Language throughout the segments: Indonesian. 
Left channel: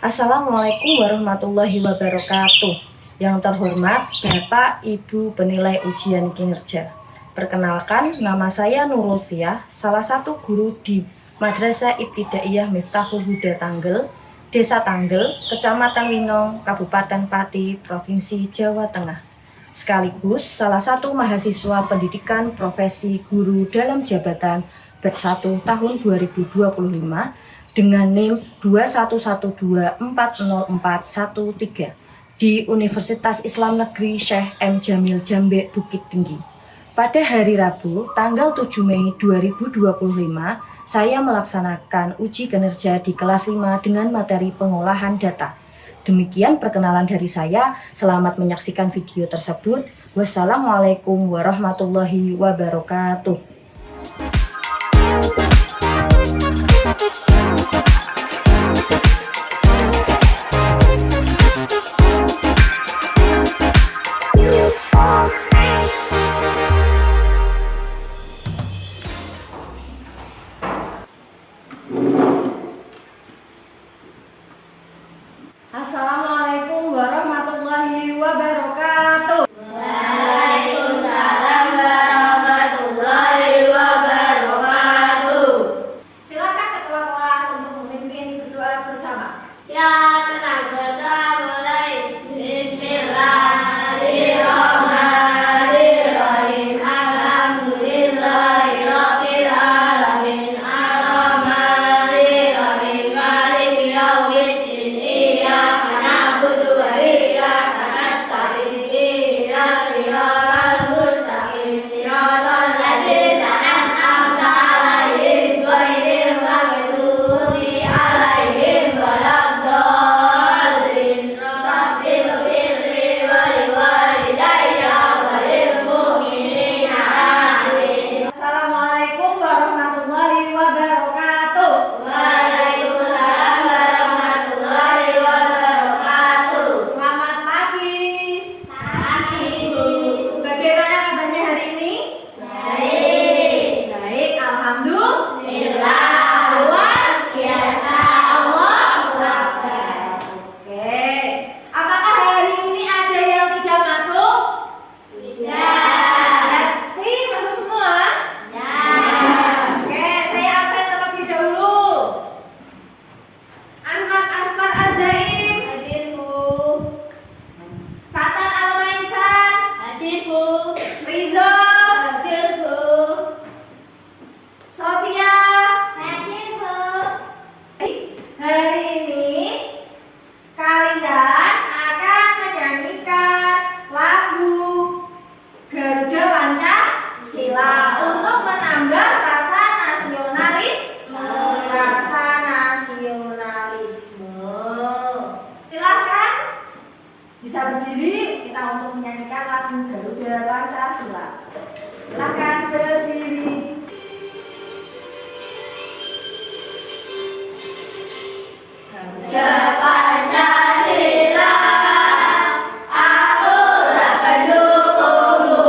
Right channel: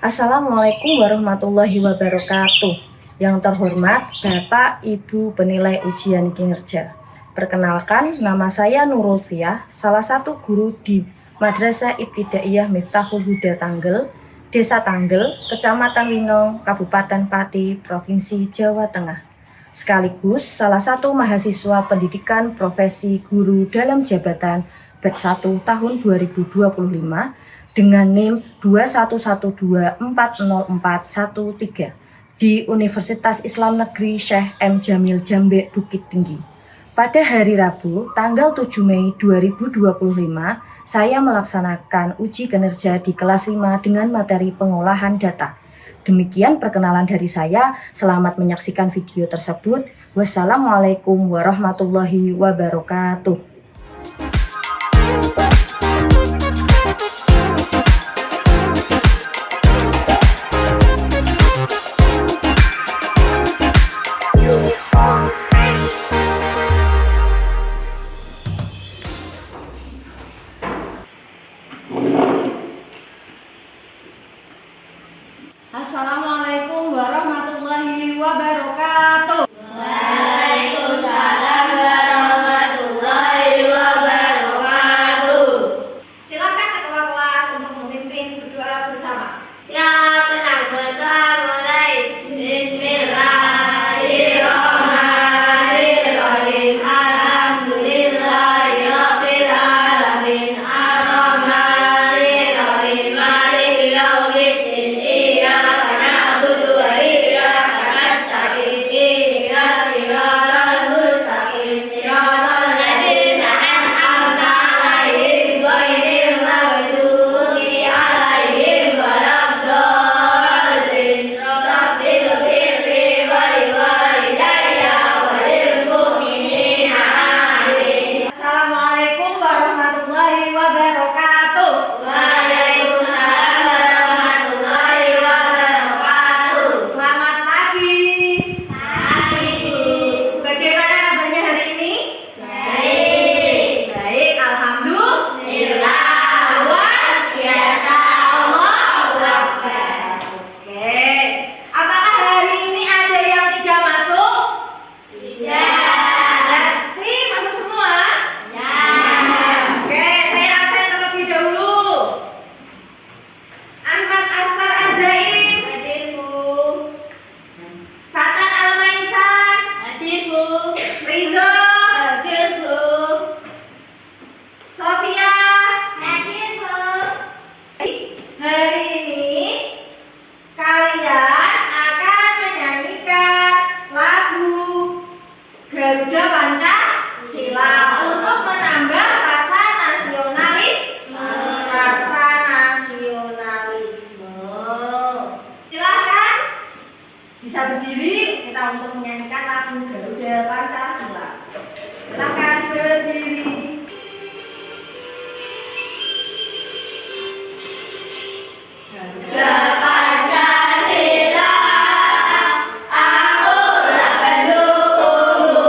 Assalamualaikum warahmatullahi wabarakatuh. Yang terhormat Bapak Ibu penilai ujian kinerja. Perkenalkan, nama saya Nurul Fiah, salah satu guru di Madrasah Ibtidaiyah Miftahul Huda Tanggel, Desa Tanggel, Kecamatan Winong, Kabupaten Pati, Provinsi Jawa Tengah. Sekaligus salah satu mahasiswa pendidikan profesi guru dalam jabatan batch 1 tahun 2025 dengan NIM 211240413 di Universitas Islam Negeri Syekh M. Jamil Jambe Bukit Tinggi. Pada hari Rabu, tanggal 7 Mei 2025, saya melaksanakan uji kinerja di kelas 5 dengan materi pengolahan data. Demikian perkenalan dari saya. Selamat menyaksikan video tersebut. Wassalamualaikum warahmatullahi wabarakatuh. Assalamualaikum warahmatullahi wabarakatuh. Waalaikumsalam warahmatullahi wabarakatuh. Silakan ketua kelas untuk memimpin berdoa bersama. Ya, tenang, berdoa mulai. Bismillahirrahmanirrahim. Alhamdulillahirabbil alamin. Arrahmanirrahim. Maliki yaumiddin. Iyyaka na'budu wa iyyaka nasta'in. Ihdinas siratal mustaqim. Siratal ladzina an'amta 'alaihim ghairil maghdubi 'alaihim waladdallin. Rabbil ighfirli wa liwalidayya wa lil mu'minina amin. Assalamualaikum warahmatullahi wabarakatuh. Waalaikumsalam warahmatullahi wabarakatuh. Selamat pagi. Pagi, Bu. Bagaimana kabarnya hari ini? Baik. Baik, alhamdulillah. Luar biasa. Allahu Akbar. Oke. Apakah hari ini ada yang tidak masuk? Tidak. Berarti masuk semua? Ya. Oke, saya absen terlebih dahulu. Ahmad Asfar Azaim, Hadir, Bu. Fatan Almaisan, Hadir, Bu. Rizal, Hadir, Bu. Sofia. Hadir, Bu. Hari ini kalian akan menyanyikan lagu Garuda Pancasila untuk menambah rasa nasionalisme. Silahkan bisa berdiri kita untuk menyanyikan lagu Garuda Pancasila. Silahkan berdiri. Ya Pancasila, akulah pendukungmu,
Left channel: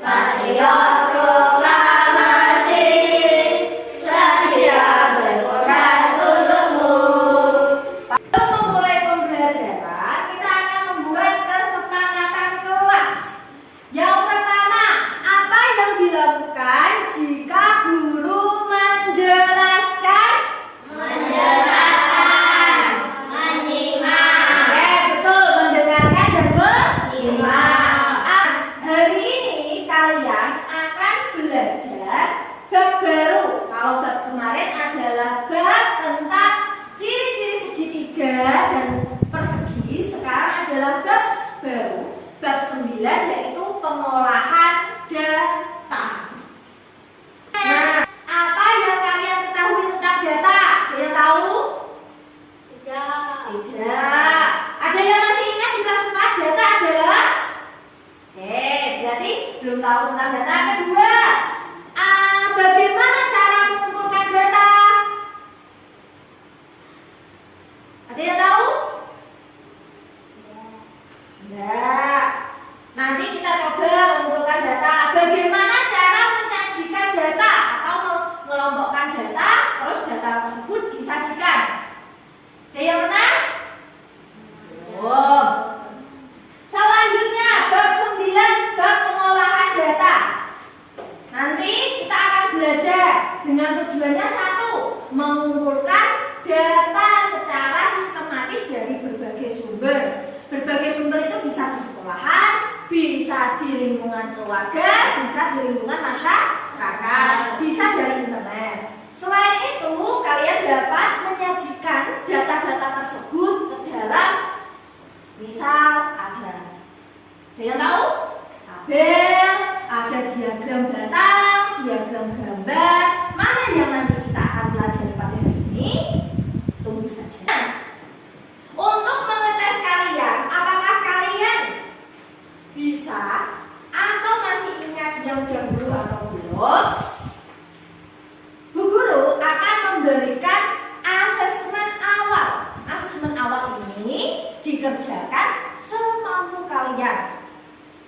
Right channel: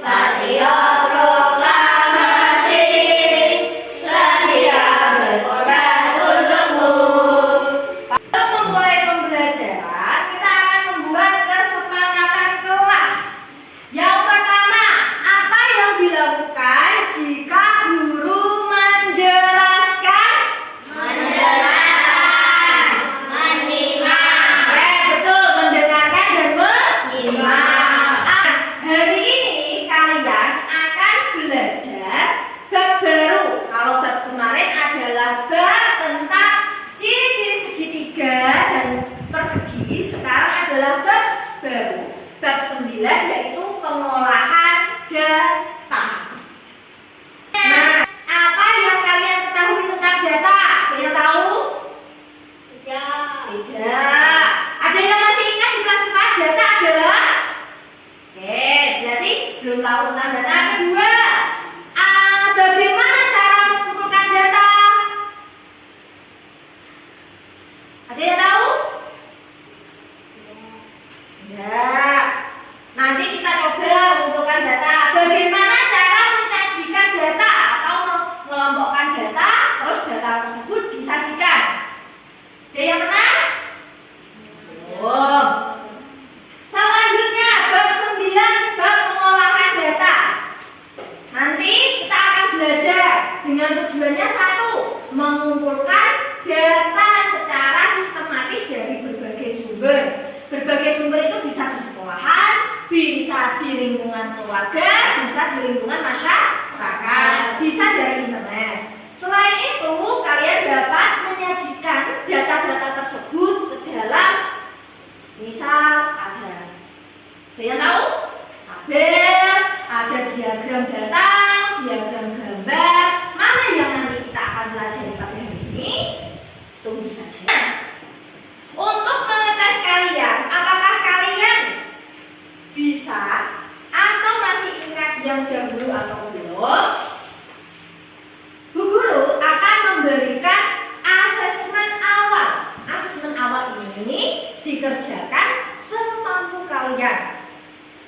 patriot proklamasi, setia berkorban untukmu. Untuk memulai pembelajaran, kita akan membuat kesepakatan kelas. Yang pertama, apa yang dilakukan jika guru menjelaskan? Mendengarkan, menyimak, Betul, mendengarkan dan menyimak. Hari ini kalian akan belajar bab baru. Kalau bab kemarin adalah bab tentang ciri-ciri segitiga dan persegi. Sekarang adalah bab baru, bab 9, yaitu pengolahan data. Nah, apa yang kalian ketahui tentang data? Ada yang tahu? Tidak. Ada yang masih ingat di kelas 4 data adalah? Oke, berarti belum tahu tentang data. Kedua, bagaimana cara mengumpulkan data? Ada yang tahu? Tidak. Nanti kita coba mengumpulkan data. Bagaimana cara mencajikan data atau mengelompokkan dengan tujuannya satu, mengumpulkan data secara sistematis dari berbagai sumber. Berbagai sumber itu bisa di sekolahan, bisa di lingkungan keluarga, bisa di lingkungan masyarakat, bisa dari internet. Selain itu, kalian dapat menyajikan data-data tersebut ke dalam, misal ada yang tahu? Tabel, ada diagram data, diagram gambar. Mana yang nanti kita akan pelajari pada hari ini? Tunggu saja. Untuk mengetes kalian, apakah kalian bisa atau masih ingat yang dahulu atau belum? Bu Guru akan memberikan asesmen awal. Asesmen awal ini dikerjakan semampu kalian.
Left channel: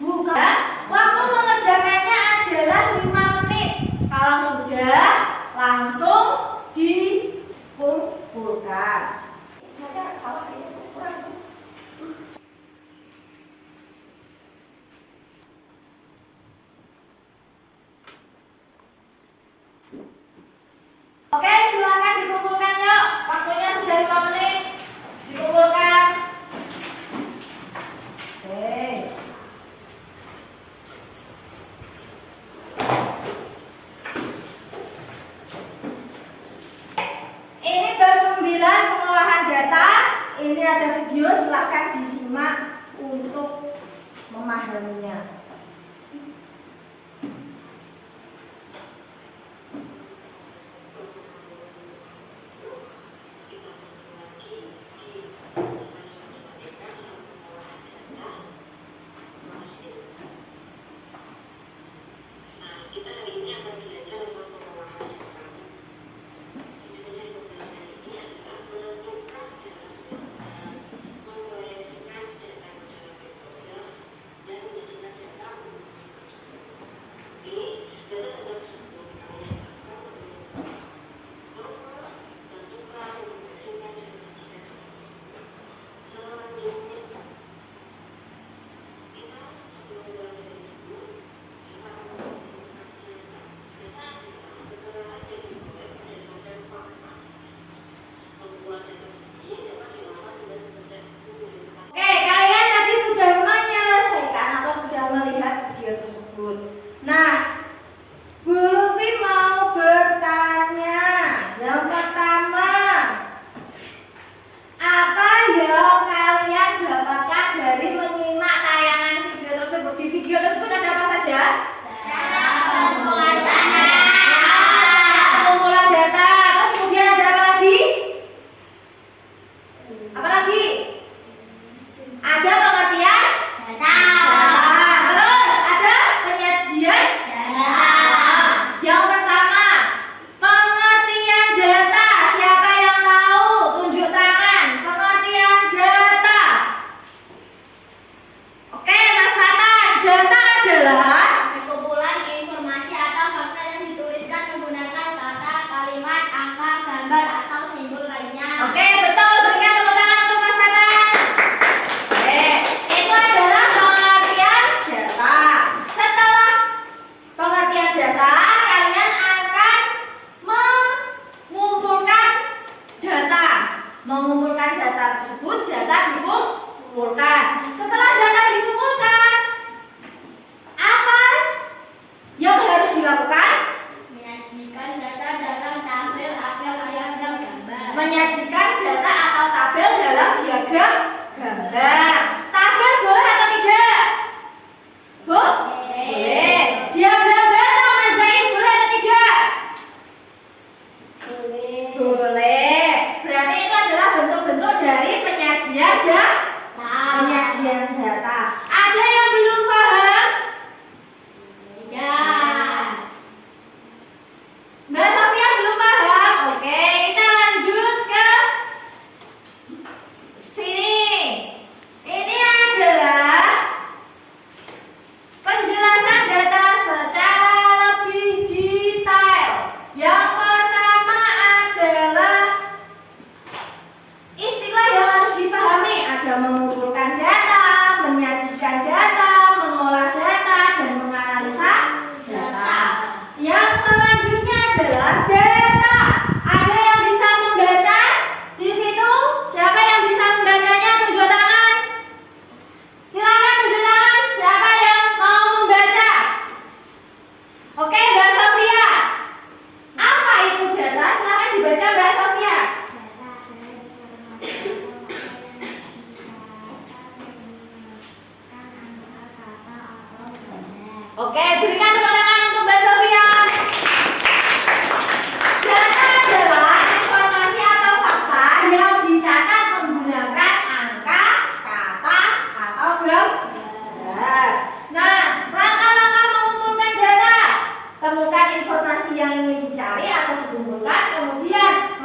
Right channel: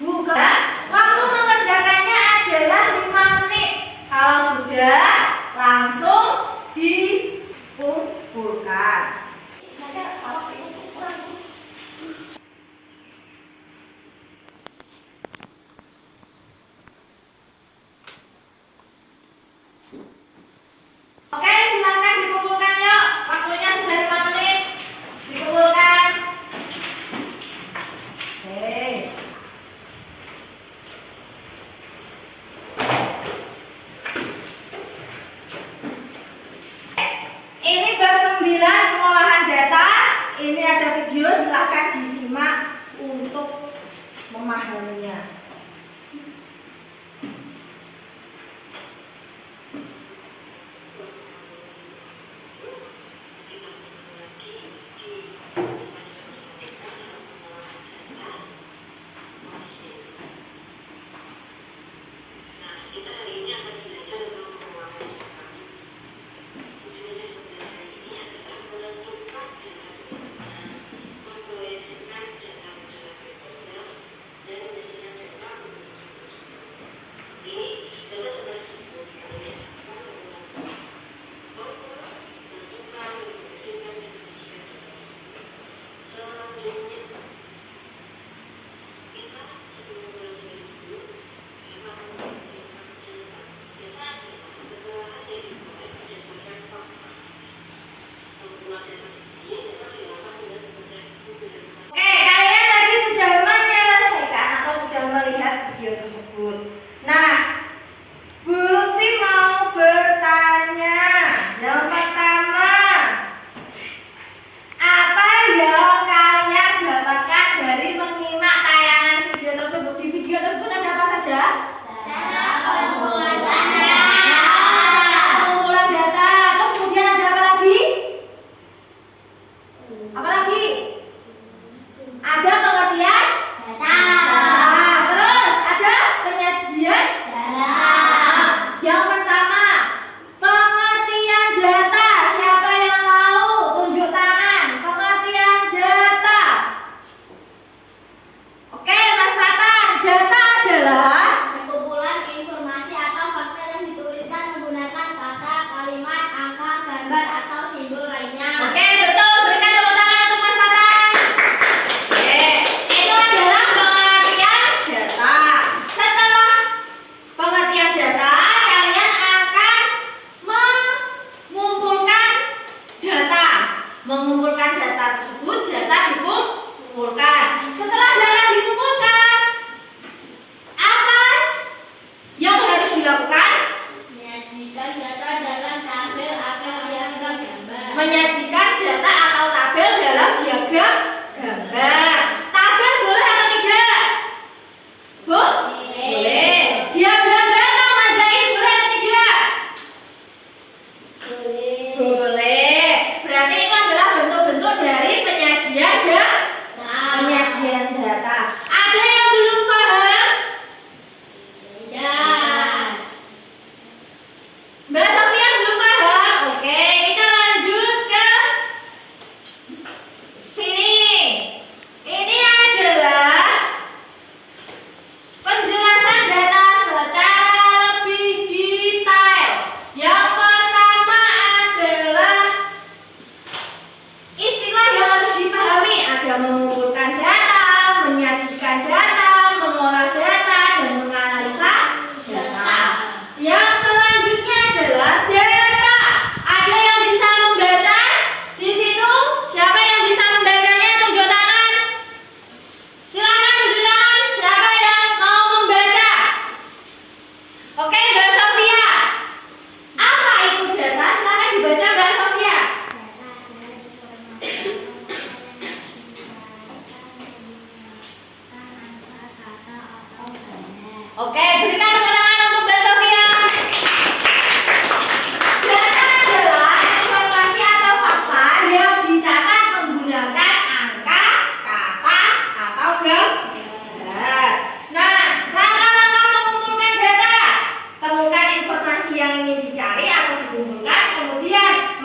Bukan, waktu mengerjakannya adalah 5 menit. Kalau sudah, langsung dikumpulkan. Oke, silakan dikumpulkan yuk. Waktunya sudah 5 menit. Dikumpulkan. Oke. Ini bab 9 pengolahan data. Ini ada video, silahkan disimak untuk memahaminya.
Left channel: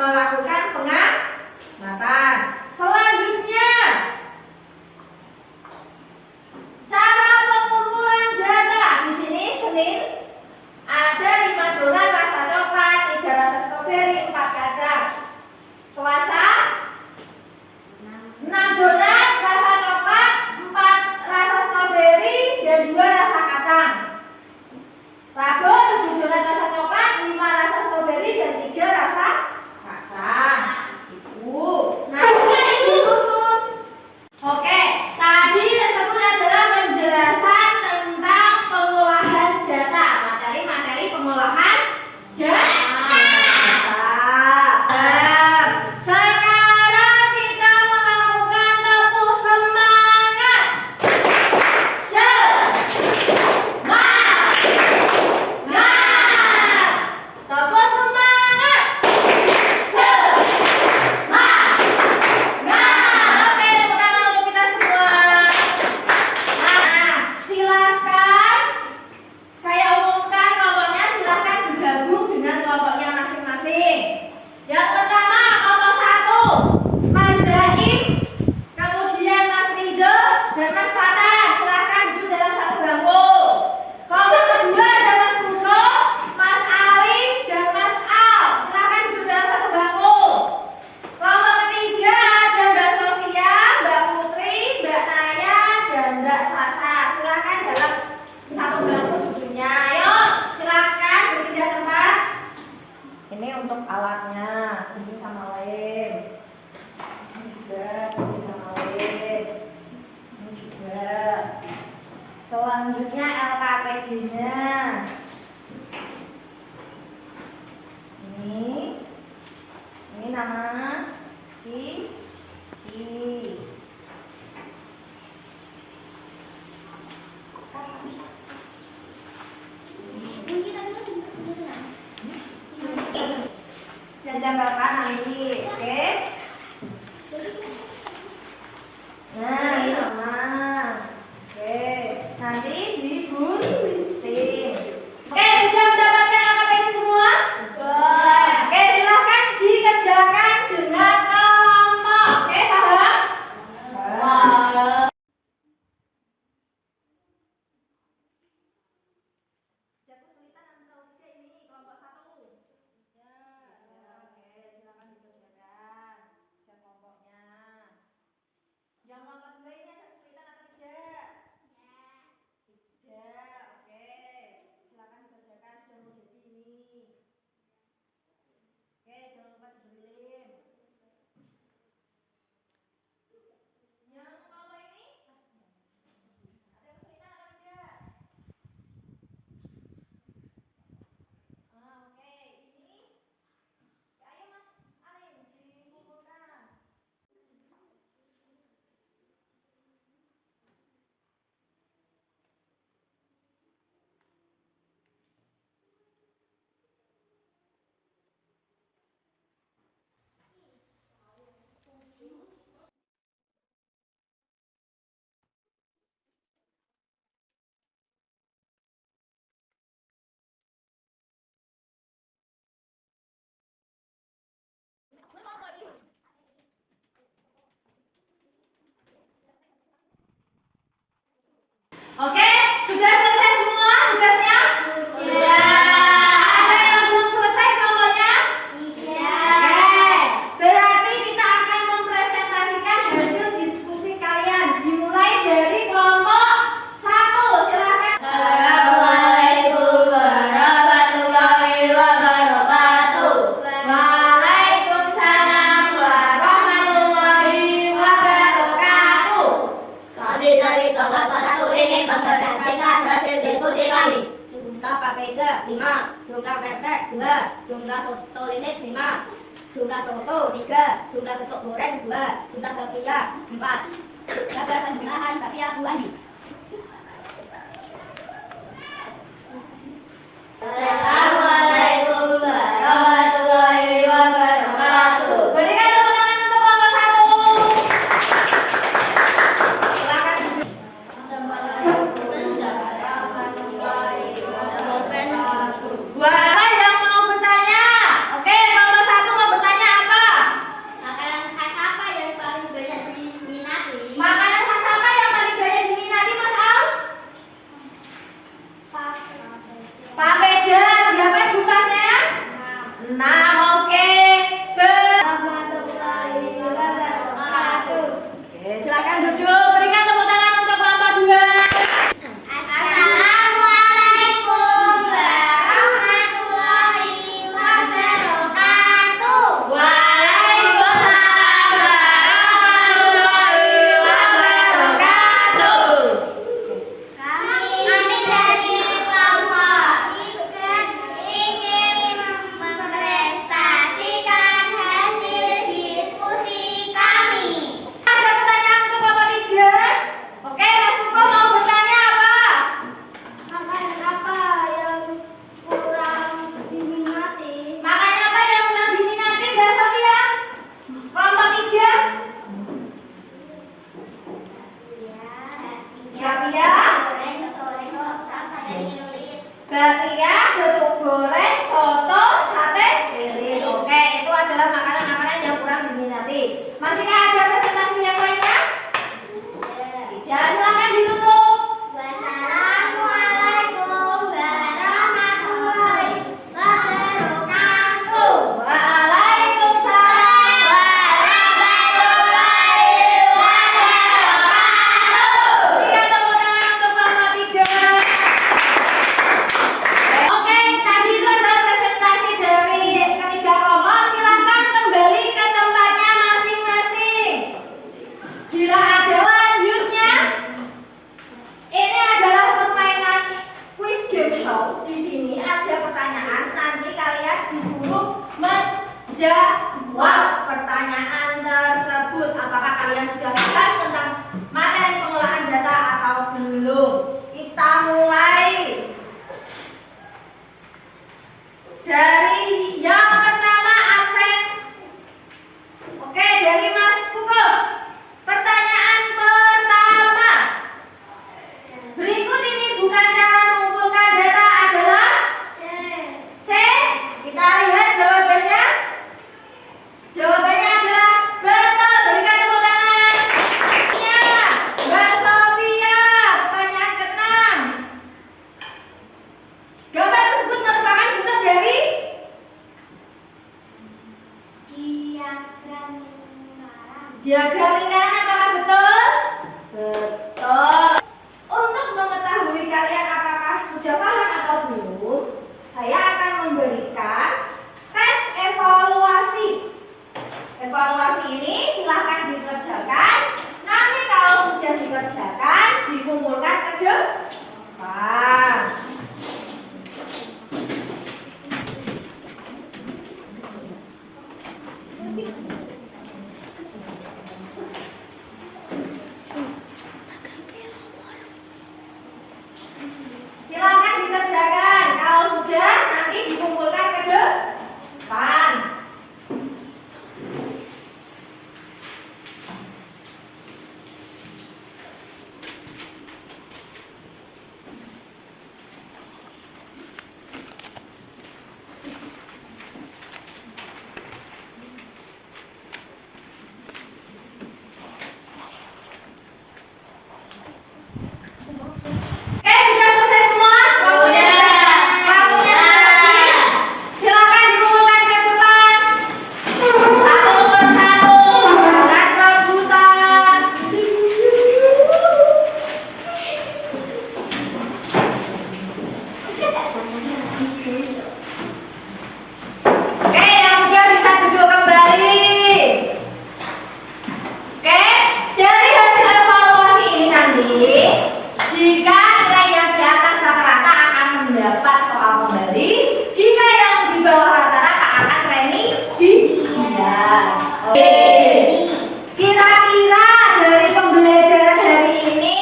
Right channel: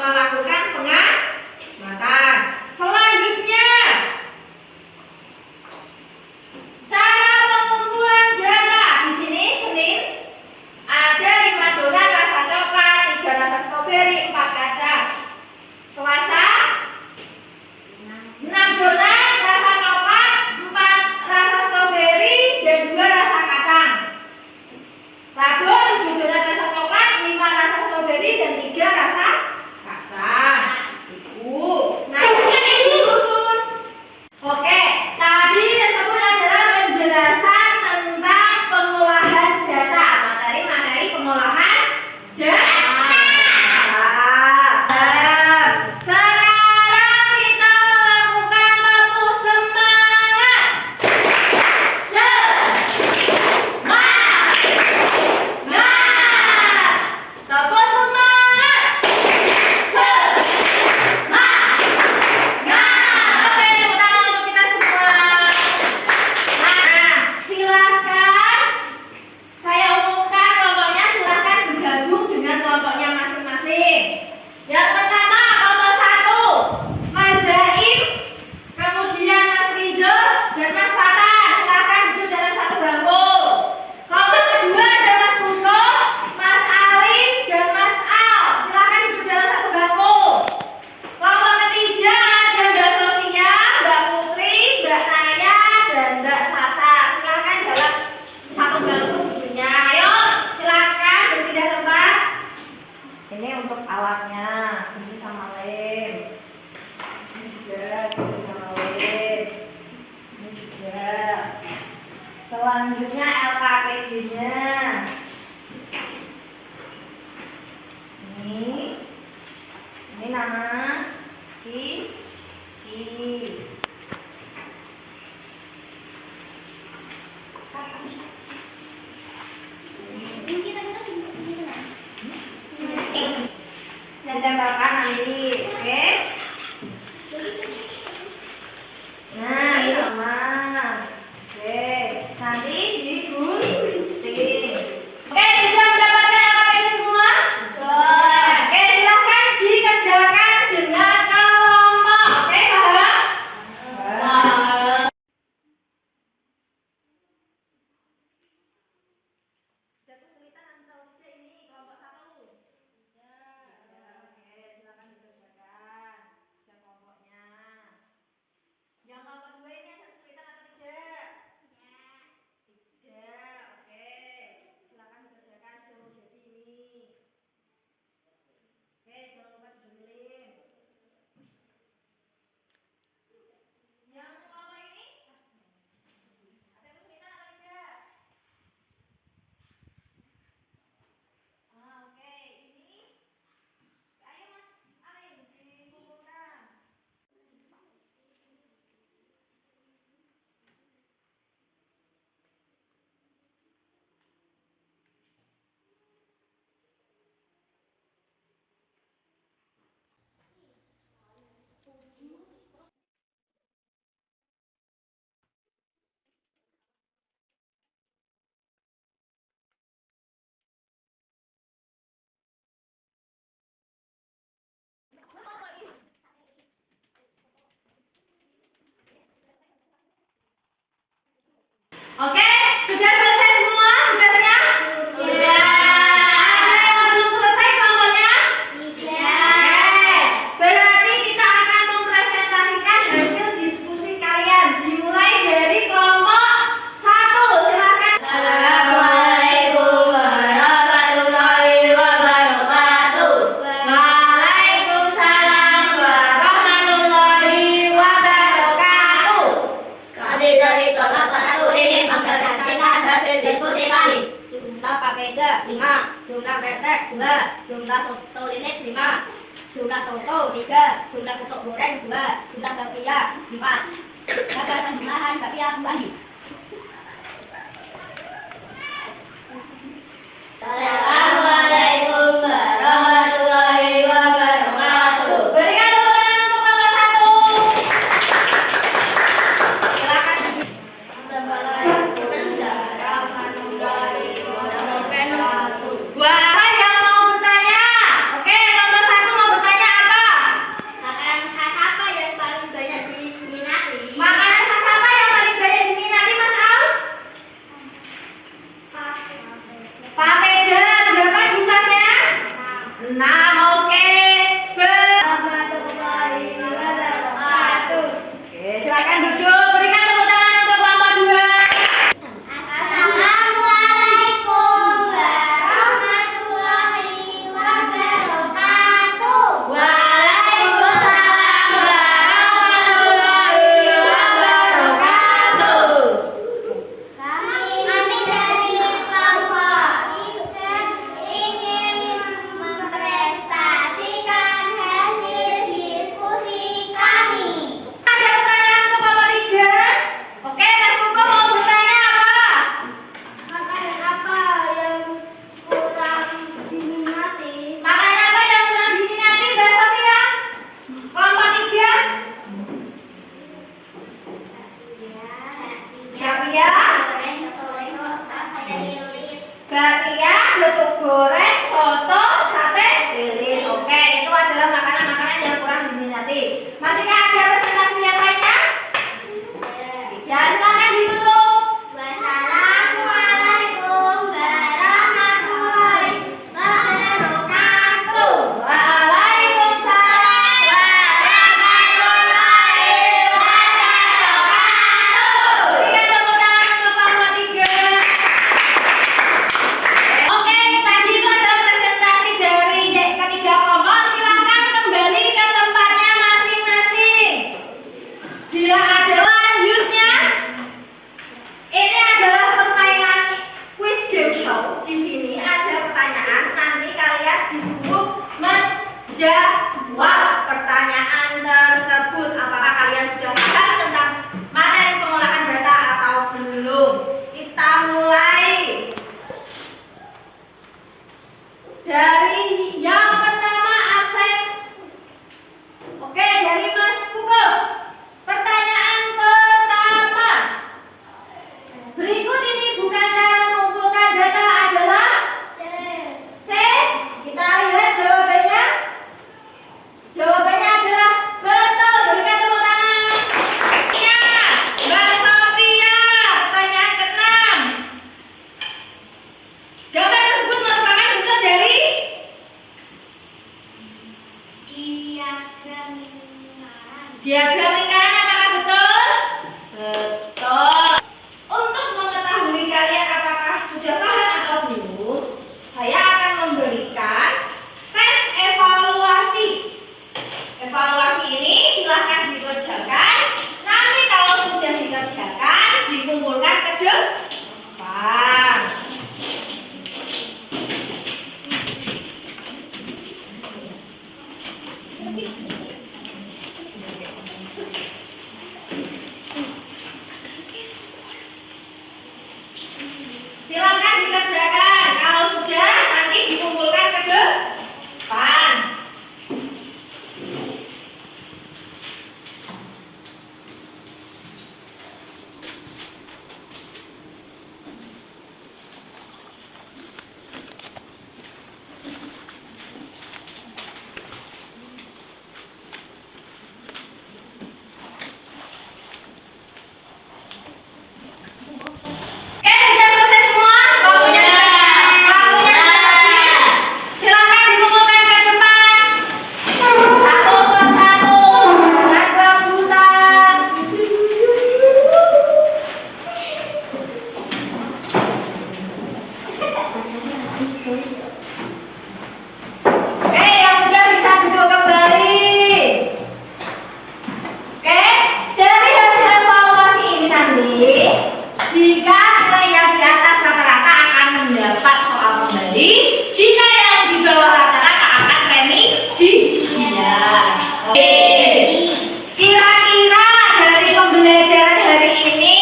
melakukan pengamatan. Selanjutnya, cara pengumpulan data. Di sini Senin ada 5 donat rasa coklat, 3 rasa stroberi, 4 kacang. Selasa 6 donat rasa coklat, 4 rasa stroberi, dan 2 rasa kacang. Rabu 7 donat rasa coklat, 5 rasa stroberi, dan 3 rasa kacang. Ibu, nah ini ibu susun. Oke, tadi yang sebut adalah penjelasan tentang pengolahan data, materi pengolahan data. Sekarang kita melakukan tepuk semangat. Tepuk semangat. Oke, tepuk tangan untuk kita semua. Nah, silakan saya umumkan kelompoknya, silakan bergabung dengan kelompoknya masing-masing. Yang pertama kelompok 1, Mas Zaim, kemudian Mas Ridho dan Mas Fatan, silakan duduk dalam satu bangku. Kelompok kedua ada Mas Hugo, Mas Alif dan Mas Al, silakan duduk dalam satu bangku. Kelompok ketiga ada Mbak Sofia, Mbak Putri, Mbak Naya dan Mbak Sasa, silakan dalam satu bangku duduknya. Ayo, silakan berpindah tempat. Ini untuk alatnya, ini sama lem. Ini juga, ini sama lem. Ini juga. Selanjutnya LKPD-nya. Ini nama Ki. Dan tempelkan nanti, oke? Nah, ini sama. Oke, nanti digunting. Oke, sudah mendapatkan LKPD semua? Oke, silahkan dikerjakan dengan kelompok. Oke, paham? Sudah kesulitan atau tidak ini kelompok 1? Oke, silakan dikerjakan. Cek kelompoknya. Yang kelompok 2 ini ada kesulitan atau tidak? Tidak. Oke. Silakan dikerjakan, sudah mau jadi ini. Oke, jangan lupa diberi lem. Yang kelompok ini ada kesulitan atau tidak? Oke, ini ayo Mas Alin dikumpulkan. Oke, sudah selesai semua tugasnya? Ada yang belum selesai kelompoknya? Oke, berarti kita akan mempresentasikan hasil diskusi kalian. Dimulai dari kelompok 1, silakan. Assalamualaikum warahmatullahi wabarakatuh. Waalaikumsalam warahmatullahi wabarakatuh. Kami dari kelompok 1 ingin mempresentasikan hasil diskusi kami. Jumlah pakainya 5, jumlah pepes 2, jumlah soto lilit 5, jumlah soto 3, jumlah getuk goreng 2, jumlah bakpia 4. Gagal penjumlahan bakpia buah. Assalamualaikum warahmatullahi wabarakatuh. Berikan tepuk tangan untuk kelompok 1. Silakan. Siapa yang mau bertanya? Oke, kelompok 1 mau bertanya Oke. Warahmatullahi wabarakatuh. Oke, silakan duduk. Berikan tepuk tangan untuk kelompok 2. Assalamualaikum warahmatullahi wabarakatuh. Waalaikumsalam warahmatullahi wabarakatuh. Kami dari kelompok ingin mempresentasikan hasil diskusi kami. Ada pertanyaan untuk kelompok 3? Oke, Mas Kuko mau bertanya apa? Makanan apa yang kurang diminati? Makanan apa yang kurang diminati, Mbak Sofia? Kelompok 3? Bakpia, Goreng sore rosa sate lilit. bakpia, getuk goreng, soto, sate lilit. Oke, itu adalah makanan-makanan yang kurang diminati. Masihkah ada presentasi yang lainnya? Ya, silakan ditutup. Wassalamualaikum warahmatullahi wabarakatuh. Waalaikumsalam Warahmatullahi wabarakatuh. Berikan tepuk tangan untuk kelompok 3. Oke, tadi itu adalah presentasi dari ketiga kelompok. Silakan kembali ke tempatnya masing-masing. Bila ada lanjutnya, ini adalah permainan quiz game show. Di sini ada pertanyaan, nanti kalian disuruh menjawab pertanyaan tersebut. Apakah kalian sudah paham tentang materi pengolahan data atau belum? Kita mulai dari yang pertama, absen. Oke, dari Mas Kuko. Pertanyaan pertama. Berikut ini bukan cara mengumpulkan data adalah C. Kita lihat jawabannya. Jawabannya adalah betul. Berikan tepuk tangan. Ya, Mbak Sofia. Pertanyaan ke-6. Gambar tersebut merupakan bentuk dari diagram lingkaran. Apakah betul? Betul. Untuk mengetahui kalian apakah sudah paham atau belum, saya akan memberikan tes evaluasi. Evaluasi ini silahkan dikerjakan. Nanti kalau sudah dikerjakan, dikumpulkan ke depan. Silakan dikerjakan. Kalau sudah, nanti dikumpulkan ke depan. Sudah selesai semua? Waktunya sudah habis. Silakan dikumpulkan ke depan. Satu persatu, jangan rebutan. Oke, yang sudah bisa duduk kembali. Oke, dari hasil evaluasi ini nanti, jika nilai yang di atas rata-rata akan mendapat soal kembali, jika yang di bawah rata-rata akan remedial. Oke. Kira-kira dari pembelajaran hari ini,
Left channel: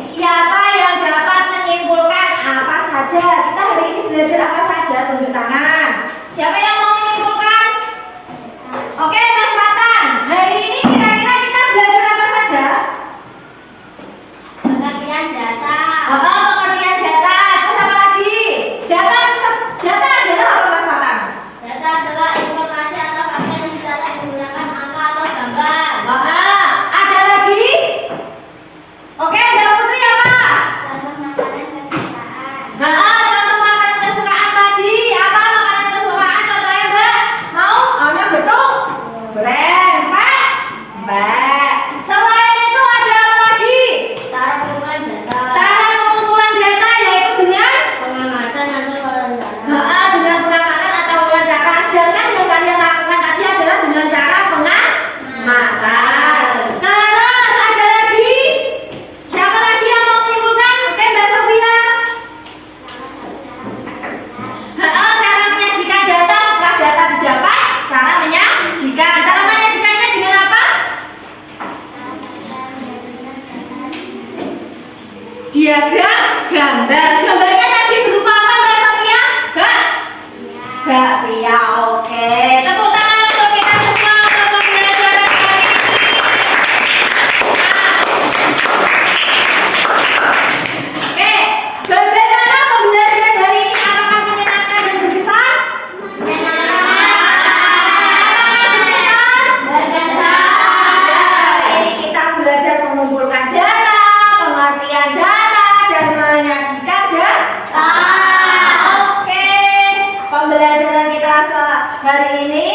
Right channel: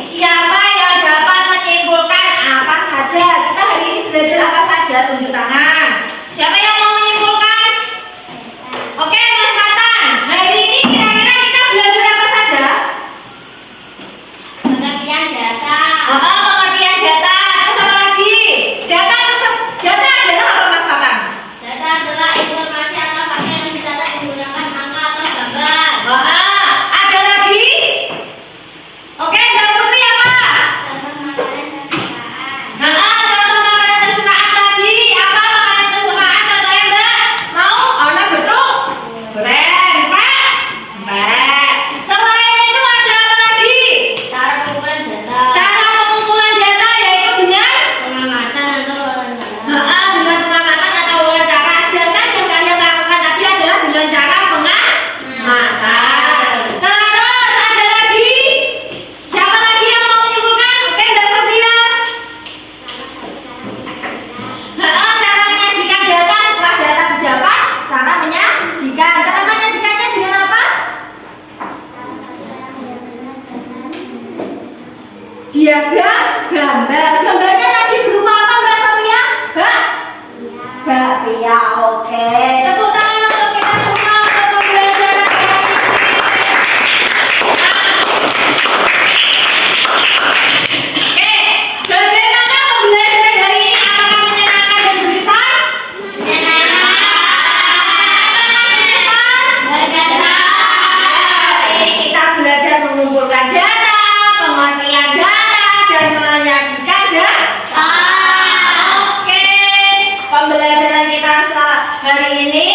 siapa yang dapat menyimpulkan apa saja? Kita hari ini belajar apa saja? Tunjuk tangan. Siapa yang mau menyimpulkan? Oke, Mas Fatan. Hari ini kira-kira kita belajar apa saja? Pengertian data. Pengertian data. Terus apa lagi? Data adalah apa, Mas Fatan? Data adalah informasi atau hal yang dicatat menggunakan angka atau gambar. Ada lagi? Oke, Mbak Putri apa? Contoh makanan kesukaan. Contoh makanan kesukaan tadi apa? diagram gambar. Gambarnya tadi berupa apa Mbak Sophia? Bakpia. Oke. Tepuk tangan untuk kita semua untuk pembelajaran hari ini. Oke, bagaimana pembelajaran hari ini? Apakah menyenangkan dan berkesan? Hari ini kita belajar mengumpulkan data, pengertian data, dan menyajikan data. Oke, pembelajaran kita hari ini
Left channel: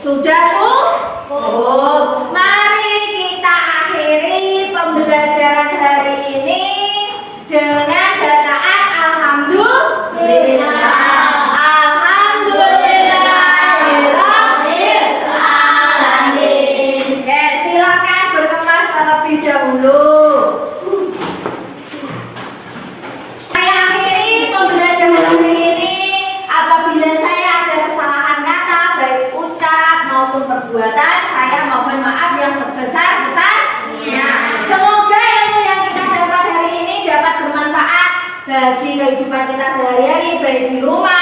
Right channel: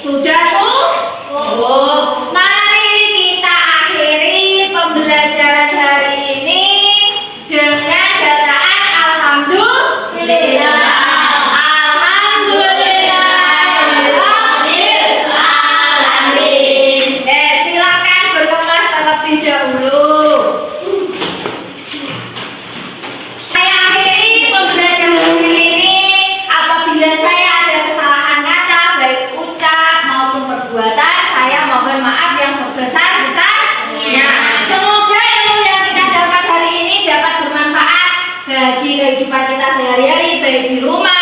sudah cukup. Mari kita akhiri pembelajaran hari ini dengan bacaan alhamdulillah. Silakan berkemas terlebih dahulu. Saya akhiri pembelajaran hari ini. Apabila saya ada kesalahan kata, baik ucap maupun perbuatan, saya mohon maaf yang sebesar-besarnya. Semoga ilmu yang kita dapat hari ini dapat bermanfaat bagi kehidupan kita sehari-hari, baik di rumah